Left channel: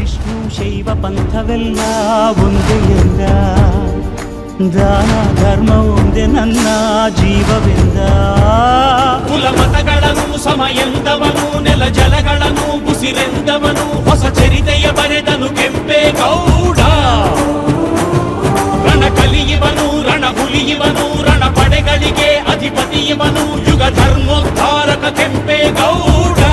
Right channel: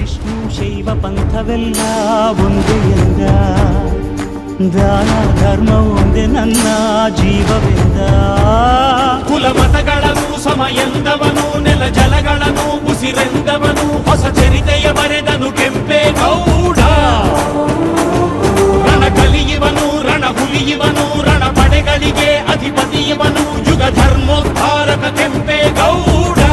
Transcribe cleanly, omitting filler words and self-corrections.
ವಿಷ್ಣು ಶೈವ ಪಂಥವೆಲ್ಲ ಒಂದೇ ಎಂದ, ದಾನ ಧರ್ಮ ಒಂದೇ ನನ್ನ ಜೀವವೆಂದ. ಕುಲಮತಗಳನ್ನು ಸಮ ಎಂದವನು, ನೆಲ ಜಲಗಳನ್ನು ಉಸಿರೆಂದವನು, ಹೊಸ ಚರಿತೆಯ ಬರೆದನು ಕೆಂಪೇಗೌಡ. ರಣ ಕಲಿಯುವನು, ರಣ ಹುಲಿಯುವನು, ರಣ ಪಡೆಗಳಿಗೆ ಅಧಿಪತಿಯವನು, ಯುಗ ಧರ್ಮೋದ್ಧಾರಕ ಕೆಂಪೇಗೌಡ.